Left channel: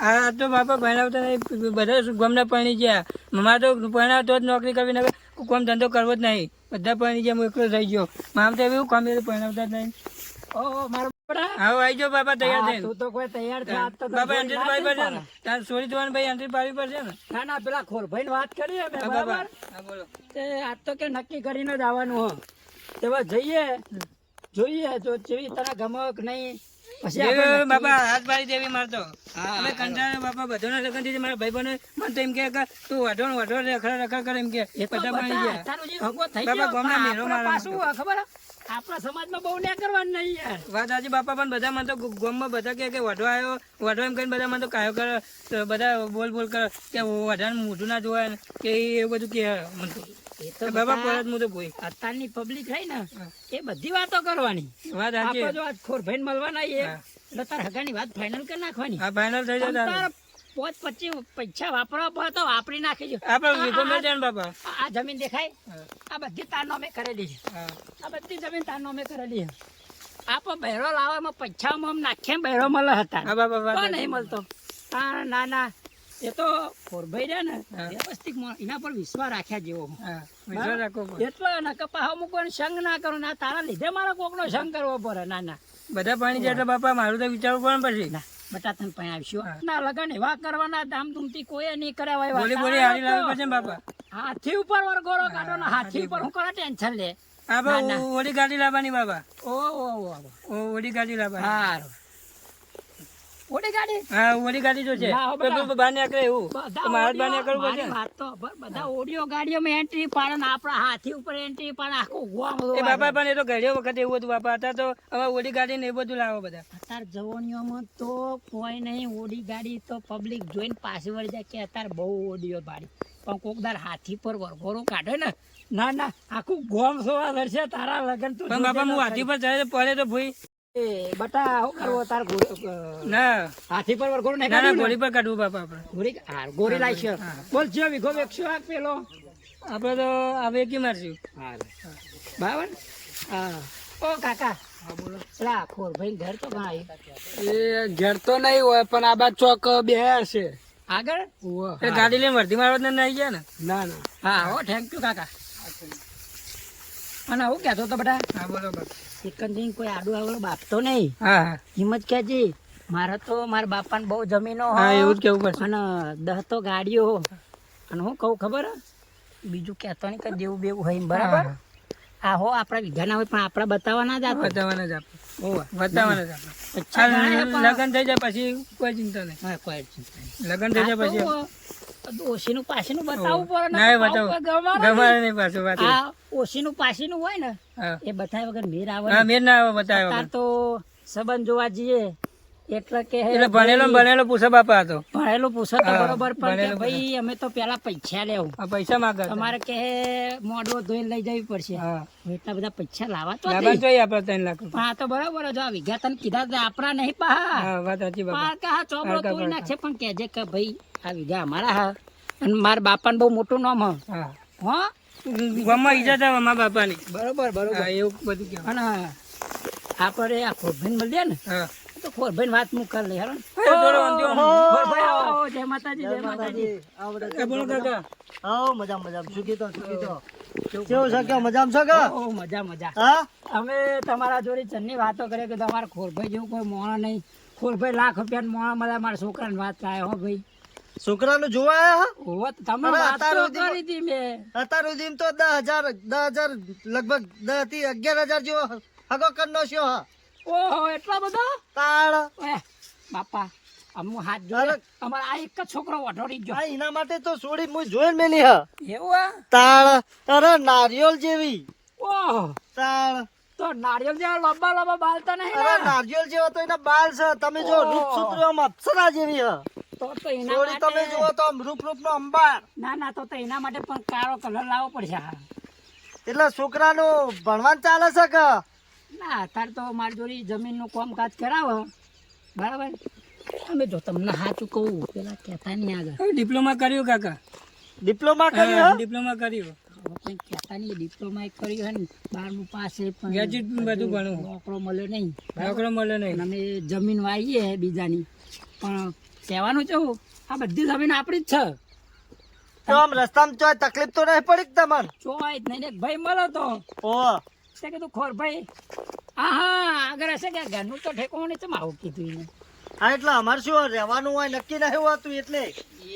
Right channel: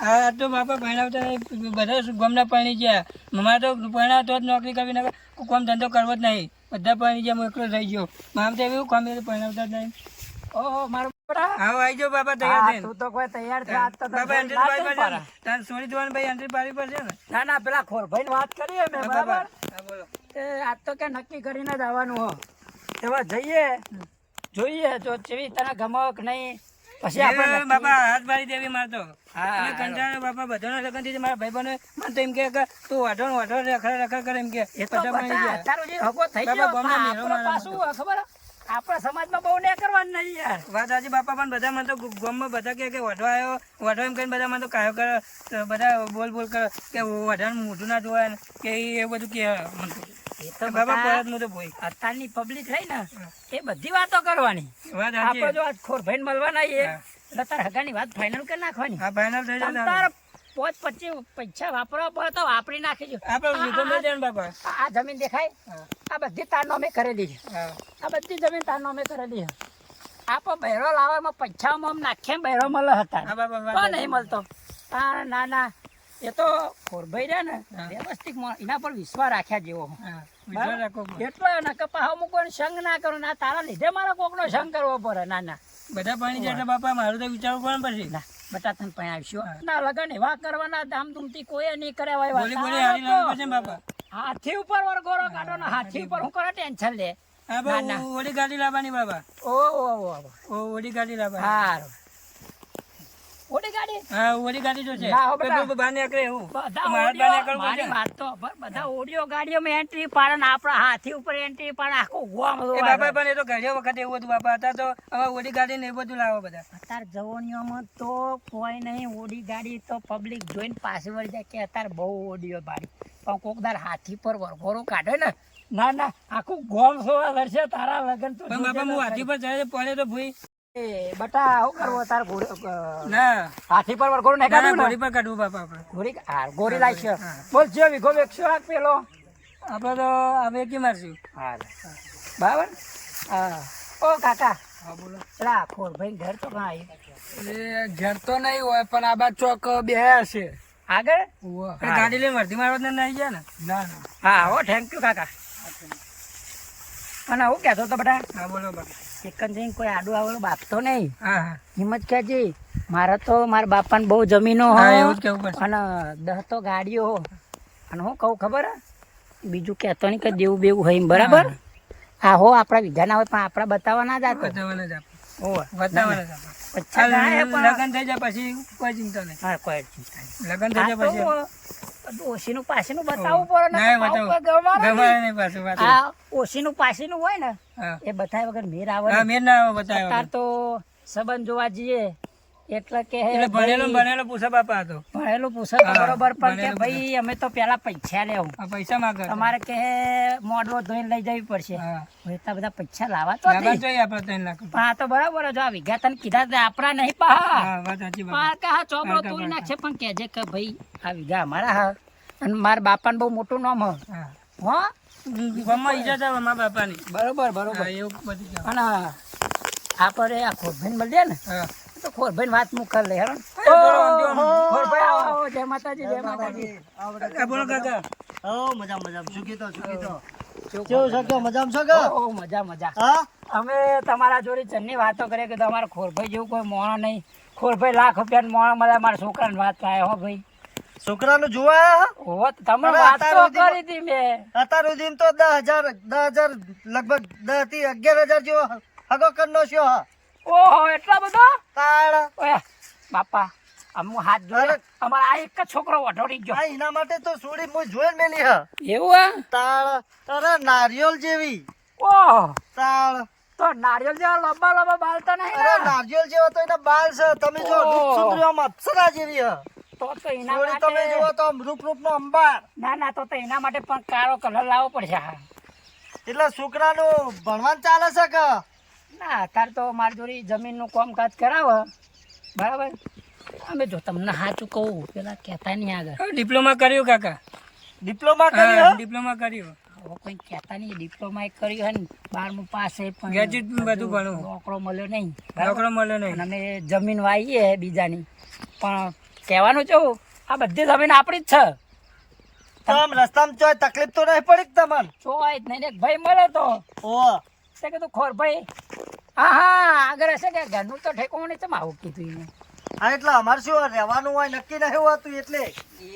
આ તો બાપા ભણાવતા નહીં, બધા ગામના પાણી ગયા. મારે તો ભણાવતો જ નોકરી કરવી ને કોમ ધંધો કરવો જ નહીં. બધા પાણી ગયા, હું એકલો થઈ ગયો. મારે તો એવું કામ ભણાવતા જ નહીં. ઓહો મારો બેટા હા આવી જાઓ બાપા, તૈયાર હા, થઈને. તું તો કોઈ તૈયાર છે આજ તો તને બાપા એન્ટ્રી લાજ પાડી નહીં પડશે ને. પડે. તાર છોડી દેવાનું ભાઈ, એન્ટ્રી પાડવી પડશે ને. ના ના પેલા ખોરભાઈ વાત કરીએ મેં હા બાપા, બરાબર હા બોલો. તે આજ તો કે નક્કી કરીને જ આવવાનું હો તેવા જઈએ જોઈએ જો જેવી તને ગમક નહીં પછી આપણે જેવી નક્કી- બાપા હાથ પાડી દેવી મારતો. હા, અને કંટાળે બાપા બધાના લગનથી મારા ભાઈબંધો મને તો એમ કે તું વાઢો રખડ કરે એમ કે એ તો બધા પાણી બધા ગયા. તારો જે હગો થઈ બાપા, ગયો ગામના પણ મેરો આપણે મારવાનો પાછું ખબર હે? આપણા સમાજમાં બહુ ને કરવાનું નહીં યાર વાત સાચી બાપા, પણ બધા મને તો ગામમાં બધા કે વાઢો આવ્યો વાઢો એમ કહીને બધા મને તો કાયો કરે, તો બધા બોલ કરે કે વાઢાનું મોઢું ના જોવાય ને કે એ બધું કે મને તો. એ તો બાપા બધા પરત હું તો ભોય. અત્યારની પબ્લિક રહી ને એ બધી વાતો કરવાની વાત આપણે સાચી. જો આજ ખોરભાઈને મળવાના એ હા. એટલે તાર હગાની વાત ફાઇનલ કરી નાખવાની હા ફાઇનલ થઈ તમ જાય. તાર 25 પૈસા વાપરવા પડે તો વાપરી નાખીજો આપણે વિધો મેં જાય ને બાપા. આ જમીન દેખાય હા, આ બધી તારનો મેં કરેલી છે હા. આ બધી જમીન તારનો મેં કરેલી છે આપણે બહેરો લાવવામાં પૈસામાં આમ નાખીએ બહેરો મળે હતા હા બાપા, વાત તો સાચી. નહીં મળતો ના ના એ તો ખોરભાઈ રહ્યા ને હા. વ્યવસ્થિત એના પર વિશ્વાસ રાખ્યા જેવો હા, વિશ્વાસ રાખવો પડે. એટલો ને કે પાહો હું કોઈને સંગ ના કરું ના તારા લીધે મારે કોકનો સંગ કરવો પડે ના ના બધા પાણી જાય તો બાપા મારું તો વિચારવું પડે ને પછી. ના બટા તને પણ આવશો ના લગન એવા કરવાના ધામધૂમથી કોઈ નહીં કર્યા હોય બોલી બોલી હારી લાવવી પડશે ને બાપા. હાથી ઉપર વરઘોડો કાઢો ને હાથી ઉપર હું કરો ટેન્શન લે આપણે ઓડી ગાડી લાવવાની બાપા. ઓડી ગાડી લાવવાની. હારું ઓડી ગાડી હા ઓડી ગાડી તો છે. ના, હો બેટા. તો બહાર નીકળે એવું. બધા તો મારે જ બહાર નીકળવું મારી પડશે ને. વાત તો ખબર, બધા ઓડિયો ગાડીઓમાં એન્ટ્રી પાડે ને આપણા હાથી ઉપર એન્ટ્રી પાડે આખું ગોમ એ બાપા પણ એ તો ઘડિયો વખત એવું હતું બાપા. હતા તો હવે ઓડી ગાડી ને એ બધું લાવો બધા. અત્યારે જવાનીઓમાં તો કોઈ નહીં ઓડી ગાડી તો પબ્લિક જોઈને પાછી વળી જાય કે અત્યારે બહુ ઓડિયો પાડી પણ કોક દાર હાથી પર વરઘોડો કાઢે ને ના ના આખું ગોમ સોવા લડશે તારા લગન તો પણ બાપા હું હાથી પર ચડે પડે તો ભૂઈ. એ બટા શું કરવો તાર ના હાથી પર વરઘોડો નહીં ના, કાઢ્યું ઘોડી ને પર કાઢવું બાપા આપણે. ગોરી લાવશે બોલ જે વીઘો વેચશો આ પેલો આપણે તો હવે કી મારશું. બરાબર હા ઓ કાકા હા બોલો. પેલા ખોરભાઈ ઘર તો કાં આવ્યું એ ઘેર તો નહીં હોય પણ આ બાદ ચોક બે હશે. આગળ એ ગાડી લઈને વર્ધી મારવા ને નહીં ગયા ને. ના ના. હા હો થેન્ક યુ કાકા અને હું કહેતો તો બેટા હા બોલો બાપા. ચિકન જઈને કોઈ આડું આવેલું બાપતો નહીં હા હા હિંમત કહેજી મારે તો મારા બાપાને બહુ જમીનો હા એવું જ કેવું પડશે. અને 10 તો ગાડીઓ હો. અને હું કહું ખબર હે? બીજું કહેતો નહીં કે દેવું બેવું હોય એમ, બરાબર હા હો આપણા વિધા ના હોય પણ આપણા બતાવવા ના જાતો બતાવવાના જ આપણે. ઓવે. બતાવવાના જ આપણે. પચ્છા ગણાય પણ લગન થઈ જાય પછી કોઈ ચિંતા નહીં. હા કોઈ ચિંતા નહીં લગન થઈ જાય પછી ઓશીનું પાસીનું બતાવવું પડે ને ના, તો બતાવો. ગમાડે નહીં. ગમાડે નહીં પાછું વાત. આ ઓશીનું પાસીનું હોય ને હા. એ બતાવ્યા વગર મેર આવે હા નહીં. મેર ના આવે બતાવ્યા અત્યારે તો સંબંધ જોવા જઈએ એટલે કે એટલે ભણેલો પૂછે બાપા હતો. ભણેલું પૂછે તો હા, બરોબર પણ કે ભણેલું ભાઈ અમે તો પેલા પૈસા લેવું આ પૈસા માંગે છે. તમારે કે મોડવો ધોઈને લઈ જવી પડશે હા. એટલા બધા પૈસા લાવવા તો લાવવા નહીં. જોઈએ આપણે 3 લાખ પણ રૂપિયા. આ તો બરાબર જો આ વિઘા તને કીધા તે આપણા નહીં પા હા વાત સાચી બાપા. પણ કે હા ચોબડો પાકા, તોડી પાકા. નાખશે પણ કહેજે કે ભાઈ આ વિઘા અમારા હા અને મારા બાપાને બહુ મોટું નામ હ હા. હો ગામમાં ઈજા થાય મારા બાપાની. બરોબર બરોબર હા, એવું બધું કહેવાય. અને આપણે આ ખોરભાઈને મળીએ ને હા. તો ખોરભાઈને વાત હું કરી લઈ હેરો થોડો વાંધો નહીં. ખોરભાઈ આવો આવો જય માતાજી જય માતાજી એ બોલો કાકા. ઓ મજા મજા અમે તમારા જોડે ચન્ની વાતો કરીએ કે તમારા ખોરભાઈ જેવું કોઈ મોણો નહીં ખોરભાઈ લાખ રૂપિયા મોણો મળે મારા છોકરાને વાત થાય હો ભાઈ છોકરાનું જોવા હોત તમે અરે, વાત તો અત્યાર સુધી કરી હતી મેં અત્યાર સુધી તો 10,000 લગભગ 10 થી 11,000 જેવો હગો કરનો છે હા ઓહો એટલા બધા તાળ ઓય બાપા અમુ હાથ જોડે અમારા આ એક જ છોકરો વઢોડી ગયો આ એના માટે તો સોડી હું જોઈને મેલી હા એવું હે તાળ અરે નારિયેલ જેવી ઓહો તાળ તો નારિયેલ જેવા લંબા લંબા બાલ તો નહીં અરે ને નારિયેલ જેવા તો એના બાલ છે તમે જો રૂપ સુંદરીઓમાં અપ્સરા જેવી હા તો એના સોડી તમે માટે જુઓ તો આમ રૂપ નો અંબાર ના ના તો એના માટે પણ કાળો કલર લાવવો પડશે હા એટલે છોકરાનું ભણવાનું ચાલે છે કે ના અત્યારે તો મારી જોડે જમીનનું કામકાજ કરાવે બરાબર અમે જો તમને સાચું કહું પેલા કહેતા નહીં આગળ હવે ડિપ્લોમા કર્યું કાકા. ડિપ્લોમા હા, કર્યું ડિપ્લોમા કર્યું. હવે કોઈ કહેતા નહીં ડિપ્લોમા કર્યું હે ને 12મું પાસ છે પણ ગ્રેજ્યુએટ બધું ભણું. નોકરો મળ્યો નહીં નોકરો મળે નહીં. અને અમે જમીન વાવીએ બીજાની પણ કહેવાનું છું આ બધી જમીન આપણી જ છે. તો આમ રસ્તામાં ચોય તકલીફ તો નહીં પડી કે તમને? ચોય જ નહીં ને એક ભાઈ મળ્યો તો ઓહ તે કીધું ખોર ભાઈ હા આગળ હશે કે ઘરનું તો ઠેકવાનું નહીં, તમે આવું કીધું એને. હા એટલે અમારે શું રહેવાનું હોય નક્કી નહીં હોતું એટલે.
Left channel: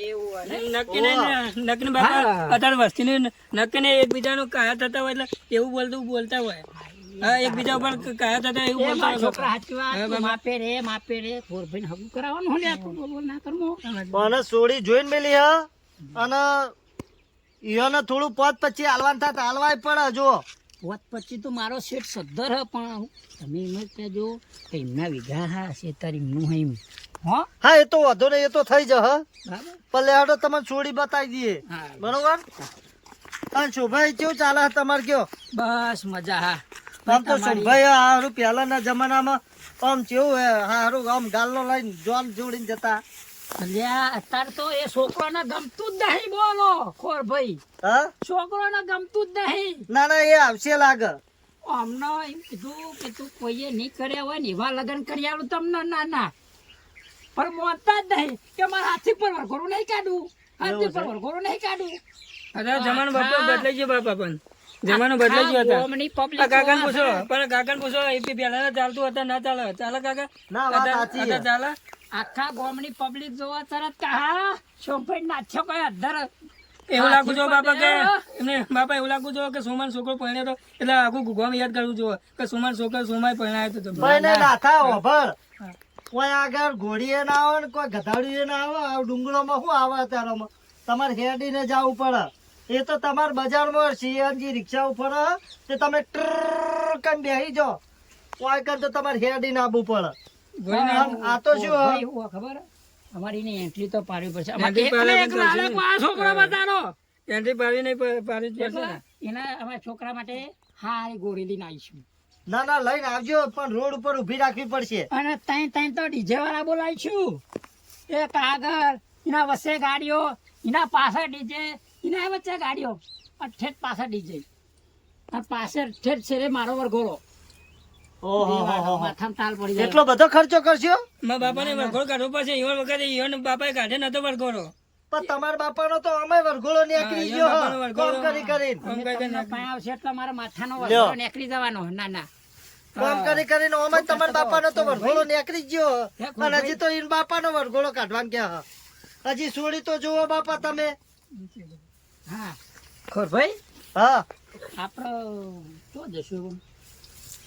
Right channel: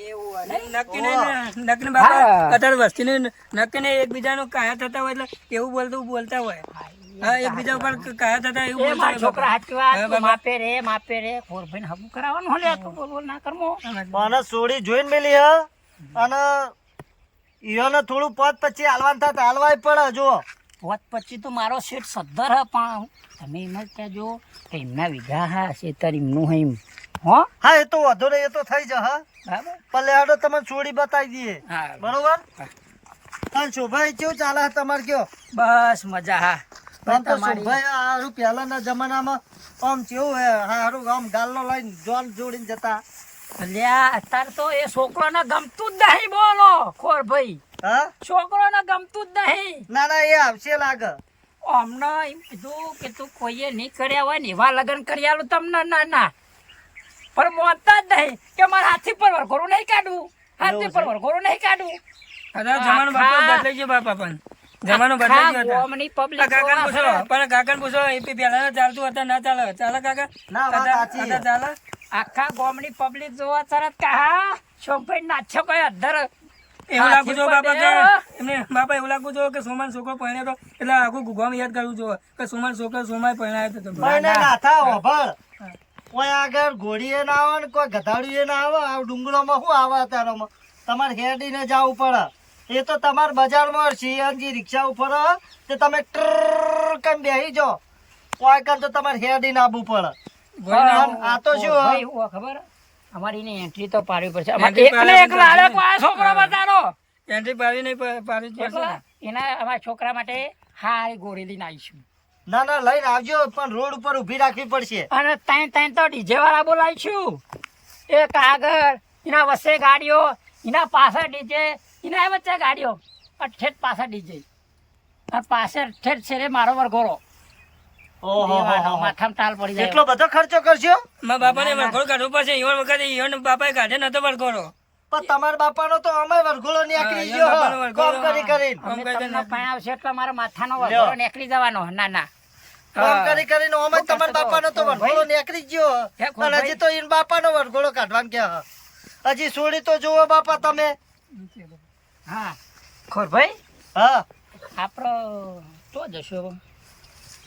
એવું નક્કી નહીં ને, નક્કી ને બાપા હા. અત્યારે વસ્તીનું નક્કી નહીં, એકબીજાનું કાયા થતા હોય એટલે એવું બોલતા હોય. હા, એકબીજા ઉપર કાયા થતા એવું બોલતા હોય છોકરા બાપા. સાચી વાત, હા, તું બાપા. માપે રે ખોર ભાઈ હગું કરાવવાનું હલે તું બોલ ના કરમો. મને સોડી જોઈને મેલી હ અને ઈયોને થોડું પદ પછી હાલવાનું થાય હાલવાય પડે જો. હોત પછી તો મારો શેઠ સદ્ધર હ પણ તમે એમ જ કહેજો કે એમના વિઘા હા શેતર એમનું હે એમ. હો હા એ તો વધુ નહીં, એ તો થઈ જશે. બરાબર. પણ લેડો તમને સોડી બતાવી દઈએ હા બરોબર. અને શોભાઈ કેવું ચાલે છે તમારે કયો? બસ મજા હા. આમ તો તમારી- શોભાઈ હારું પહેલાના જમાનામાં આમ કેવું હે હારું આમ ગાલનો લઈને જોન જોડીને જતા. અલ્યા અત્યારે તો એ છોકરોને ગમતું જ નહીં, બોલો ખોર ભાઈ હા છોકરોને ગમતું જ નહીં. ના ના એ આવશે લાગે. અમને એમ કીધું કે તું કોઈએ નહીં કર્યા હોય ને એવા લગ્ન કરી આલું તમને. ના ના પણ મોનતા જ નહીં કે મારા હાથી પર વરઘોડું નહીં કાઢવું, હાથી પર વરઘોડું નહીં કાઢવું. અત્યારે જમાનો બાપા બદલાઈ ગયો બાપા, પણ જમાનો બદલાઈ ગયો હતો. ગોમની public કાકાને જોવા પૂછો, ખરા. પણ કાકાને પૂછો એ પહેલા ચાલતું હતા ના ચાલે, ચાલે કાકા? ના, વાત સાચી છે. અત્યારે ચાલે? આખા ગોમની પબ્લિક જોવા તરત કે હા શોભાઈ નાચ્યો કોઈ અધર એવું લાગુ છો બાપા કે હાથી એમને બાપા એવું લાગુ છો કે સુમાન છોકરો પરણ્યો તો એટલે આખું ગુગવામાં યાદ કરવું જોઈએ કે સુમાન છોકરો સુમાય પરણાયો તો તમે. ભાઈ ને નાથા ઓભળ હા. કોઈ આગળ ઘોડીએ ના આવે ને કોઈ ગધાડીએ ના આવે. આ ડુંગરોમાં શું આવે અત્યારમાં તમારે હેડીને જવું પડે. એ તો તમારે બજારમાં સીએનજી રિક્ષા ઉપર હ, તે તમે ટ્રર કન બેસી જાઓ. કોઈ કન તો તમારે હેડીને આવવું પડે. ભણીને આ તો શું હ? ભાઈ હું ખબર અમારી ની એન્ટ્રી તો પાડવી પડશે. Entry પાડવી એક લાડક વાળો છોકરો બતાડો એન્ટ્રી પાડી નહીં પાડી જ પડશે એટલે ને. એના અમારા છોકરા માટે હારી ગોળી લઈને આવીશું. ના ના લઈને આવજો પણ રોડ ઉપર ઊભી રાખવી પડશે. અને ત્રણ તો ડીજે વાળા બોલાવીશું. એક આગળ એના વચ્ચે ગાડીઓ, એના પાછળ ડીજે, એના વચ્ચે ગાડીઓ, અને ઠેઠ પાછળ ડીજે, અને પાછળ ઠેઠ છે રે મારો વરઘોડો. ઓહો દેવાનો, માથામાં તાલ પડી જાય. એટલો બધો ખર્ચો કરશો? મારા બાપાને વરઘોડો કાઢવો પડશે. ઈવન વખતે ઈવન બાપાએ કાઢે નતો વરઘોડો. પણ તમારા બાપાનો તો અમે વરઘોડો નીકળી હા, ગયો હ. બાપાનો વરઘોડો, કામ કરી કરીને કામ અમે કરી તમને કરીને. પરણાવશે એટલે મારા માથાનો વરઘોડો નીકળી જવાનો. ના ના કામ કરી કરીને અમે તમારા બાપાનો તો વરઘોડો નીકળી ગયો હે, હ. અને હજી તો ઈન બાપાનો વરઘોડો કાઢવાનું કે હ. હજી સોડી તો જુઓ બાપા તમે. હા ખોરભાઈ હા આપણો તો જશું.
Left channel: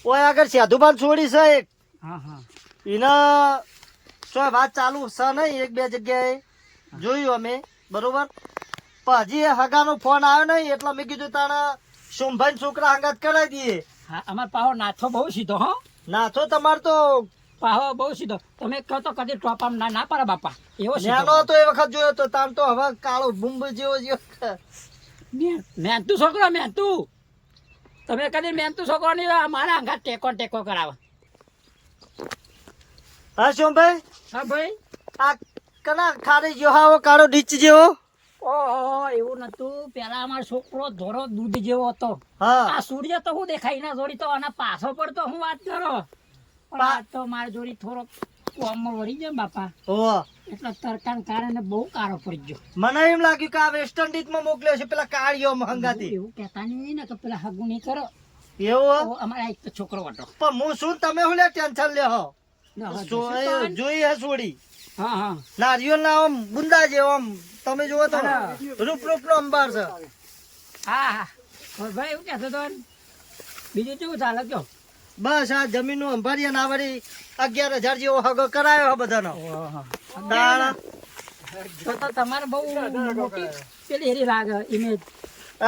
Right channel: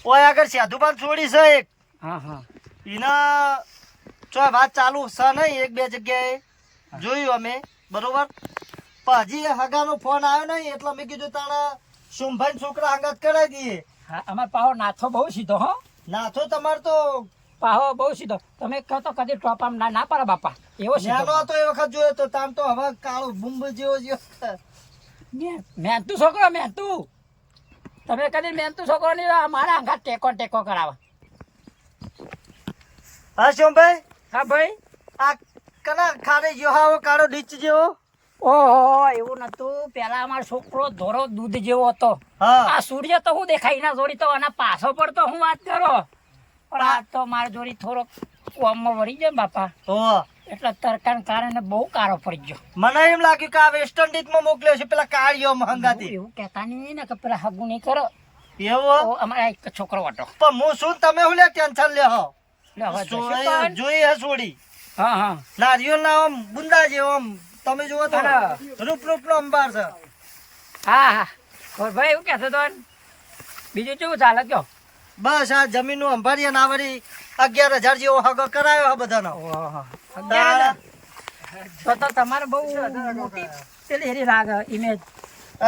ઓય આગળ સાધુબાન છોડી છે એક. હા હા એના ચો વાત ચાલુ છે નહીં, એક બે જગ્યાએ જોયું અમે બરોબર. પણ હજી એ હગાનો ફોન આવ્યો નહીં એટલે મેં કીધું તાણે સોમભાઈ છોકરા હંગાત કરાવી દઈએ. હા અમારે પાહો નાથો બહુ સીધો. હો નાથો તમાર તો પાહો બહુ સીધો. તમે કહો તો કદી ટોપામ ના ના પાડે બાપા. એવો સીધો ન્યાનો હતો એ વખત જોયો તો તાણ તો હવે કાળો બુંબ જેવો જેવો. મહેનતુ છોકરો મહેનતુ. તમે કદી મહેનતુ છોકરો નહીં મારા અંગા ટેકો કરાવે. હા સોમભાઈ હા ભાઈ. આ કના ખાડે જેવો આવો કાળો ડીચ જેવો. ઓહો એવું નતું. પેલા અમારો છોકરો ધોરો દૂધ જેવો હતો. હા આ સૂર્ય તો હું દેખાય ના જોડી તો આના પાછો પડતો હું વાત કરો. પણ આ તો મારી જોડી થોડોક કોમમાં વળી ગયો ને બાપા, ઓહ એટલે તરકાને કારણે બહુ કારો પડી ગયો. મને એમ લાગ્યું કે આ વેસ્ટ ઇન્ડિઝમાં મોકલ્યો છે પેલા કાળિયો હંગાતી. એવું કહેતા નહીં ને કે પેલા હગું નહીં કરો. એવો તો અમારા એક છોકરો હતો. પણ હું શું તમે હું લે ટેન્શન લ્યો એટલે હવે જશું તો આને. જોઈ હે છોડી હા હા નારિયેળ ના આમ બુંદા જેવો આમ તમે જોવો તો હા. રૂપ નો અંબાર છે. હા હા ઓય ભાઈ એવું કહેતો તો ને. બીજું કેવું ચાલે કયો? બસ આ જમીન નું અંબારી ના વળી 11,000 જેવો હગો કરાયો હે બધાનો. ઓહો. 11,000? તો તમારે બહુ મોટી પેલી હેરી લાગે ઇમેજ.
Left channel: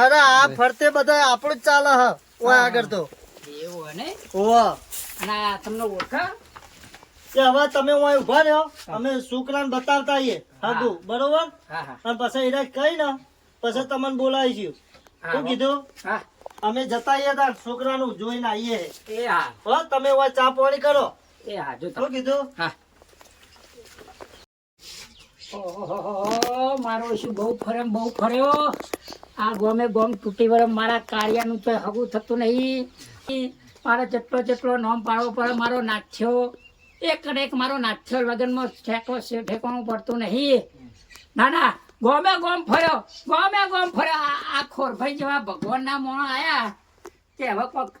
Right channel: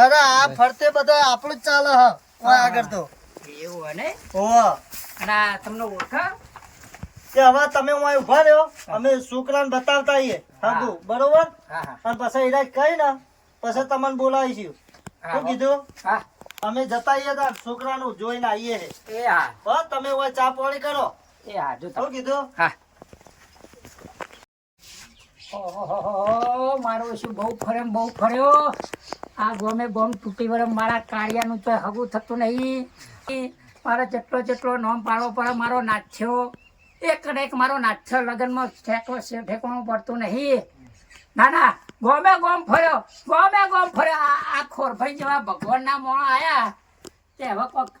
અરે આ ફરતે બધા આપણું જ ચાલે હ ઓય આગળ તો. એવું હે ને? ઓહ અને આ તમને ઓળખા? કે હવે તમે ઓય ઉભા રહ્યો, અમે છોકરાને બતાવતા આઈએ હગું બરોબર. હા હા અને પછી ઈરાજ કઈ ને પછી તમને બોલાવીશું. શું કીધું? હા અમે જતા આઈએ તા છોકરાનું જોઈને આવીએ. એ હા હો તમે ઓય ચા પાણી કરો. એ હા જો શું કીધું? હા. ઓહો મારો શું બહુ ફર્યો ને બહુ ફર્યો. આ ગોમે ગોમ તૂટી વરમ મારા કાળિયાનું તો હગું થતું નહીં. મારે જેટલો નોમ પાડવો પડે મારો નાખ્યો. એક ને એક મારો નાથ્યો લગ્નમાં ઠેકાણું પડતું નહીં. ના ના, ગોમે ગોમ ફર્યો, આ ખોરભાઈ જેવા ભગવાનના મોણ આયા તે હવે કોક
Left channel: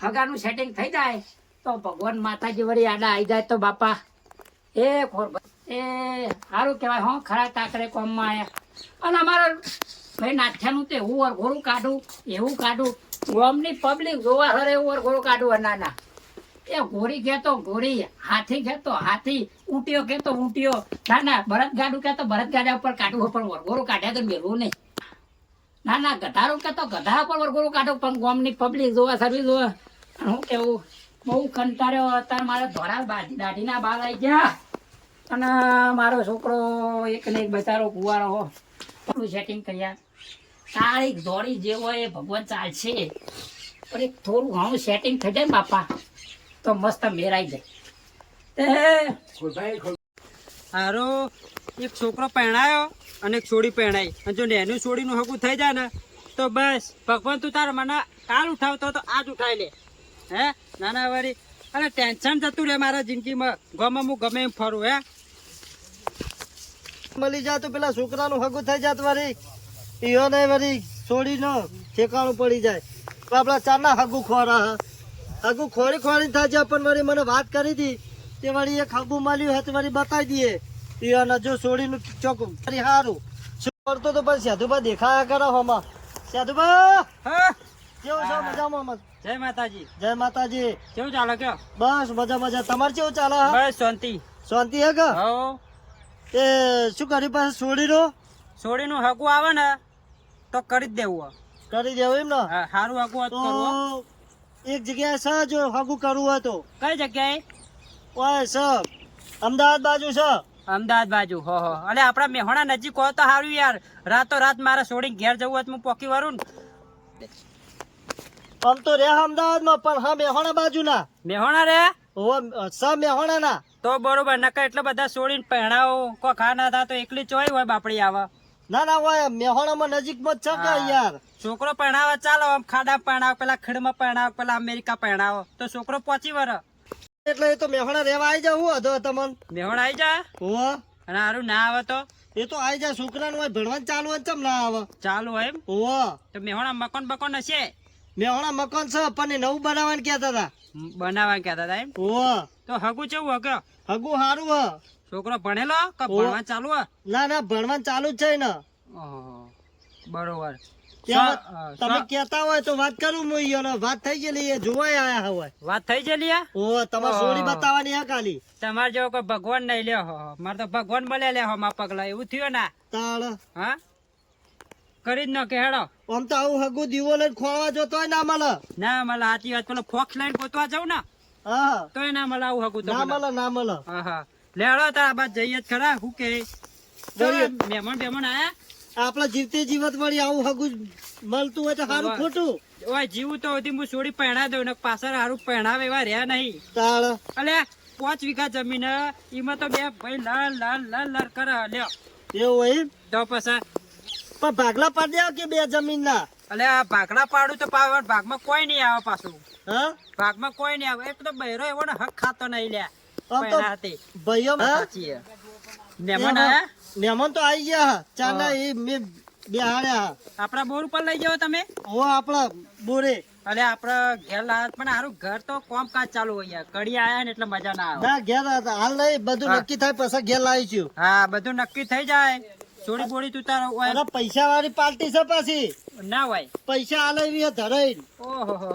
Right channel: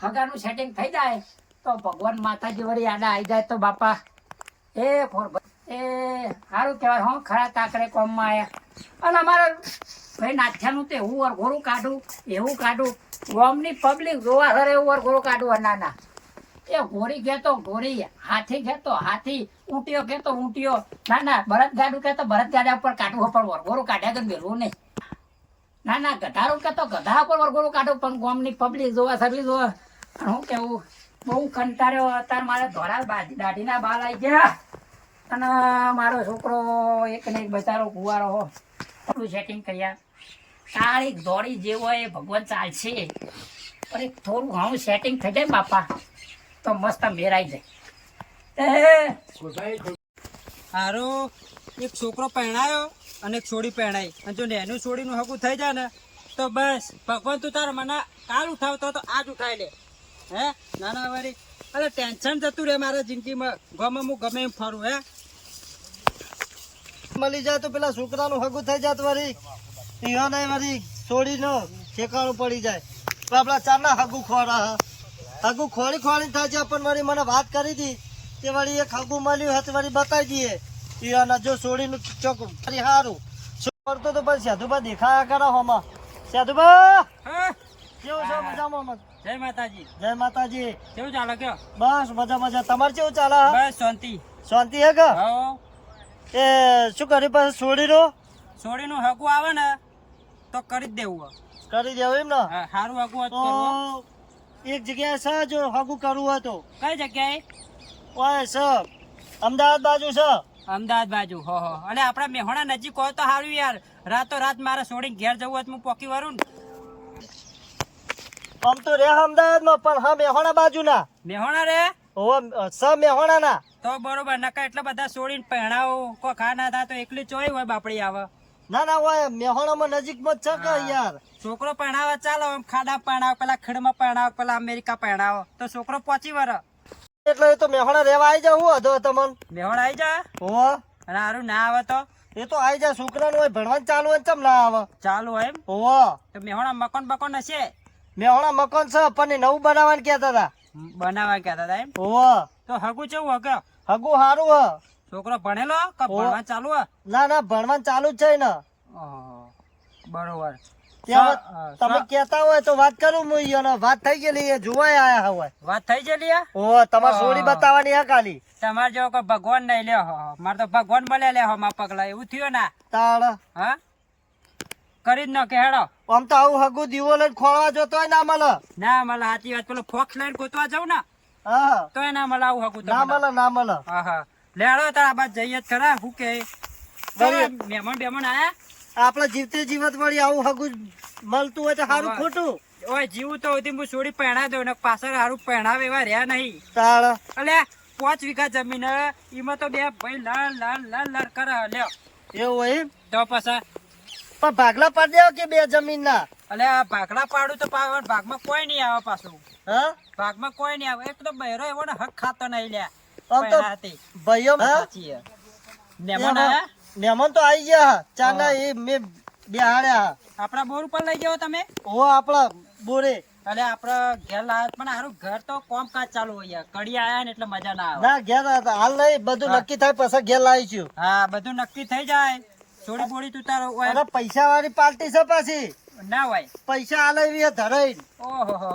હગાનું સેટિંગ થઈ જાય તો ભગવાન માતાજી વળી આડા આવી જાય તો બાપા એ ખોરભાઈ એ સારું કહેવાય. હો ખરા તાકડે કોમમાં આયા. અને અમારો ભાઈ નાથ્યાનું તો એવું વરઘોરું કાઢું ગોમની પબ્લિક જોવા સર એવું વરઘોરું કાઢું. ના ના, એ ઘોડી કહેતો ઘોડી, હાથી કહેતો હાથી, ઊંટીઓ કહેતો ઊંટીઓ. ના ના, બળદગાડું કહેતો બળદગાડા ઉપર કાઢવું પણ વરઘોરું કાઢ્યા તો મેળવું નહીં. ના ના, ગધારું કહેતો ગધા ઉપર વરઘોરું કાઢું પણ ગોમની પબ્લિક જોવા સર્વિસ જોવા. હું કેવું બહુ કંટાળ્યો. અત્યારે મારે ધોળા દાઢીના બાલ આવી ગયા અને મારો છોકરો એક ને એક બચારો કુવારો સેટિંગ કર્યા. તારીખ દોડી જેવો એ ભગવાન ચાલશે પણ એક થોડું ઘણું સેટિંગ થઈ જાય ને બાપા તો મસ્ત મેરાઈ જાય. હારો એક છોકરો પહેણાયો અને એક છોડી પહેણાઈ, અને જો નેનું છોડીનું હકું થઈ જાય ને તો બસ ભગવાન તું તારા મને કાલ ઉઠાવતો તો આજ ઉઠાવી લે. હે નાના વારી અરે ટેન્શન જતું રહે મારા જિંદગીમાં. ગમે હું ગમે એમ ફરું. હે મળી જાય તો પેલા છોકરાનું હગું થઈ જાત વળી ઈયો ને વળી છોડીને ઠેકાણું પડી જાય તો આપણા ચારના હગું ખોરી થાય છે. પણ વળી મને વાત કરી હતી તે વળી એક હગું મળ્યું હતું વળી બતાવી દઈએ ઈયોને જો છોડીનું ચોક વળી સારું શું કરતો તો પછી સાધુબા દેખાયા કરો હોમાં. સાધુબા હા કેવું છો? મજામાં? જય માતાજી. જય માતાજી. કેવું ચાલે કયો? બસ મજા. તમારે કેવું ચાલે? બસ શાંતિ. શાંતિ હે કે? હો એ શું કર્યું પછી છોડીનો? છોડીનું હકું આવે ને તો કરી જ દેવું. કરી દેવું એમ ને? હા, સારું હકું તો એક જગ્યાએ છે જો હગું કરવું હોય તો. કઈ જગ્યાએ? ઓય છે અમદાવાદ બાજુ છે. અમદાવાદ બાજુ. હો અને આપડા મેહોણા નજીક હોય તો સારું યાર. રાતો રાત મારે છોડીને ઘેર જવું હોય તો હું પોકી વરું ને. આમ તો રે અમદાવાદમાં પણ હા મેહોણા બાજુ ના. મેહોણા રે મેહોણા ના તો બરોબર. નકા એટલા બધા છોડીને પહેણાવો કોઈ ખા ના થાય તો એકલી ચોઈ હોય બાપડી આવે. ના હોય મેહોણામાં નજીકમાં જ છે કે યાર. છોકરો પહેણાવે ચાલો, આમ ખાડા પહેણાવો, પેલા ખીડમાં પહેણાવો, પેલા અમેરિકા પહેણાવો તો છોકરો પહોંચી વર. એટલે એ તો મેહોણા રેવા આવી જાવ હું હતો તમને. મેહોણા આવી જા. હો અને સારું ના આવે તો એ તો આવી જાય. છોકરાનું હોય ભણવાનું ચાલુ હોય ચમ ના આવે. ચાલુ હોય એમ. હો તો મેહોણા મકાન બકોન હશે? મેહોણા મકાન છે પણ એ નવું બનાવવાનું કહેતા હતા. બનાવવા કહેતા હતા એમ. હો તો હગું કેવું હકે? હગું સારું હ. છોકરો ભણેલો કે ભણવા ચાલુ હે? ના ભણવાનું ચાલુ જ છે ને. ઓહો, બરોબર. તમે કેતા હોય તો વાત કરું હું ઈયોને. વાત થઈ ગયેલી, એ જોવાય આયા હોય. વાત થઈ ગયેલી હે? ઓ તમારે સોડી બતાવવાની હે ખાલી. તમારે જેવો કોઈ ભગવાન નહીં લ્યો. મારે તો ભગવાન મળે લે મા પગલા. એવું થયું ના? તાળ હા કરી જ ન કે હેડો. આમ તો આવું હગું દીવો લઈને ખોળવા જોતો હોય ના મળે. ના મળે. સાચી વાત. પેલો ફોક્સ લઈને ગોતવા જાવ ને હા તો ના મળે આવું હગું. ના મળે. હા હા લે હેડો તારા બાદ જઈએ જ ખરા. શું કે મહેમાન આયા? આપડે જીવતે જીવત વળી આવું હગું મળતું હોય તો સારું ખોટું. ઓય જીવું તો હતી હું છોડી પહેણા દઉં ને પાછળ સારું પહેણાવે એવા રહ્યા નહીં. તાળ અલે 5 વીઘા જમીન એમાં તો બે ભાઈ લર કરે લ્યો. એવું હોય એમ? તો પછી પણ ભાગલા પાડી દેવા કે બે જમીન ના? અલે આ ભાગલા પાડું તો ભાગમાં કોઈ નહીં આવે પાછું. હા ભાગમાં કોઈ નહીં આવે. એક તો બહેરો એવો ને હક ખાતો નહીં લ્યા. આમ તો ભાઈઓ મહેમાન તો આવી ગયા. ચાના એ મેં બેહાડ્યા. આપડા બોર ઉપર લઈ જાઓ તમે? ઓ આપડા બોરે. અલે આપડે ઘેર લાવ્યા પણ સારું ઘર તો કામકાજ ચાલુ હોય. કડી આયા ને એટલે મજા ના આવે. ના ઘેર હાલ નહીં, બધું નક્કી થાય પછી ઘેર લાવીશું. હા બધું નક્કી થઈ જાય. થોડી બોડી તું તારો અરે પૈસા વાળી પાર્ટી છે પાછી. ના હોય પૈસા આલે ધરાઈ. ઓહો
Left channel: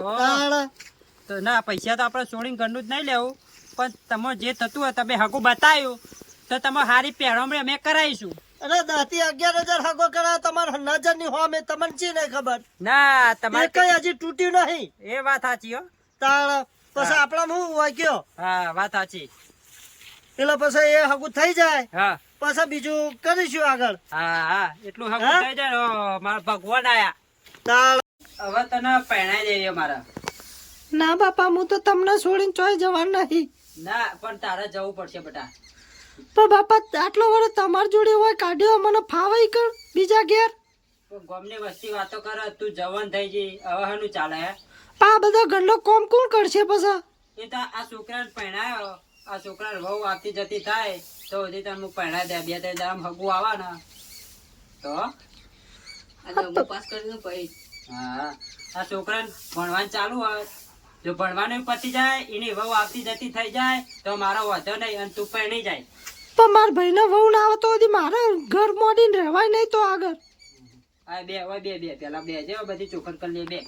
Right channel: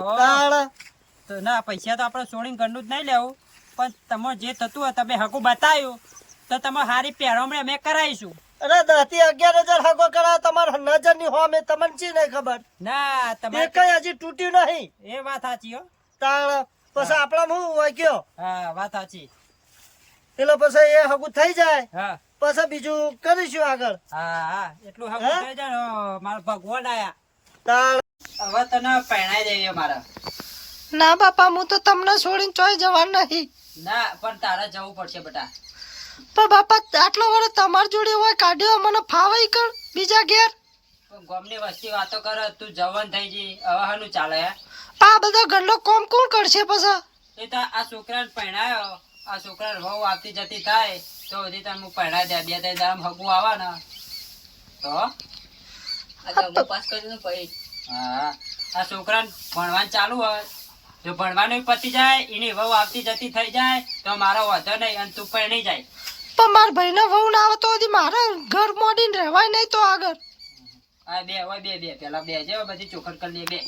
તો ના પૈસા તો આપડે છોડીને ઘરનું જ નહીં લેવું. પણ તમે જે થતું હોય તમે હકું બતાવ્યું તો તમે સારી પહેરવણી અમે કરાવીશું. અરે 10,000 હગો કરાવ તમારે નજર ની હો મેં તમને ચી નહીં ખબર. ના તમારે કઈ હજી તૂટ્યું નહીં. એ વાત સાચી હો. તાળ પછી આપડા હું હોય કયો. હા વાત સાચી. એટલે પછી એ હગું થઈ જાય હા પછી બીજું કરીશું આગળ. હા એટલું હકું થઈ જાય ને મારા ભગવાન આયા. તાળ હવે તને પહેણાઈ દેવી મારા. ના બાપા હું તો તમને છોડીને ચોય જવાનું નહીં. ના પણ તારે જવું પડશે બેટા. પણ બાપા આટલો વડે તમારી જોડે હોય કાઢ્યો મને ફાવાઈ કર બીજા ઘેર. ગમની વસ્તી વાતો કરે તું જવાન થઈ જઈ હવે હાનું ચાલે હે? આ બધા ઘરનો કોમ કોણ કરશે પછી? એ તો આ છોકરાને પહેણાયો આ છોકરાને વહુ આવતી જતી થાય તો હજી તમે હું પહેણાઈ દે 2-3 દામ હગું આવે ને તો હા આ છોકરાને ભણવાનું ચાલુ હોય જો ભણવાનું પતી જાય એની વહુ આવતી જતી થઈ જાય તો મારો વધો નહીં અને તું પરણી જાય. પણ મારા ભાઈને વહુ ના આવે તો હજી મારે ઘર મોડીને રહેવાય નહીં તો આગળ. હા બે હવે બે પેલા બે જે બધી ચોખડ કરી લે બે.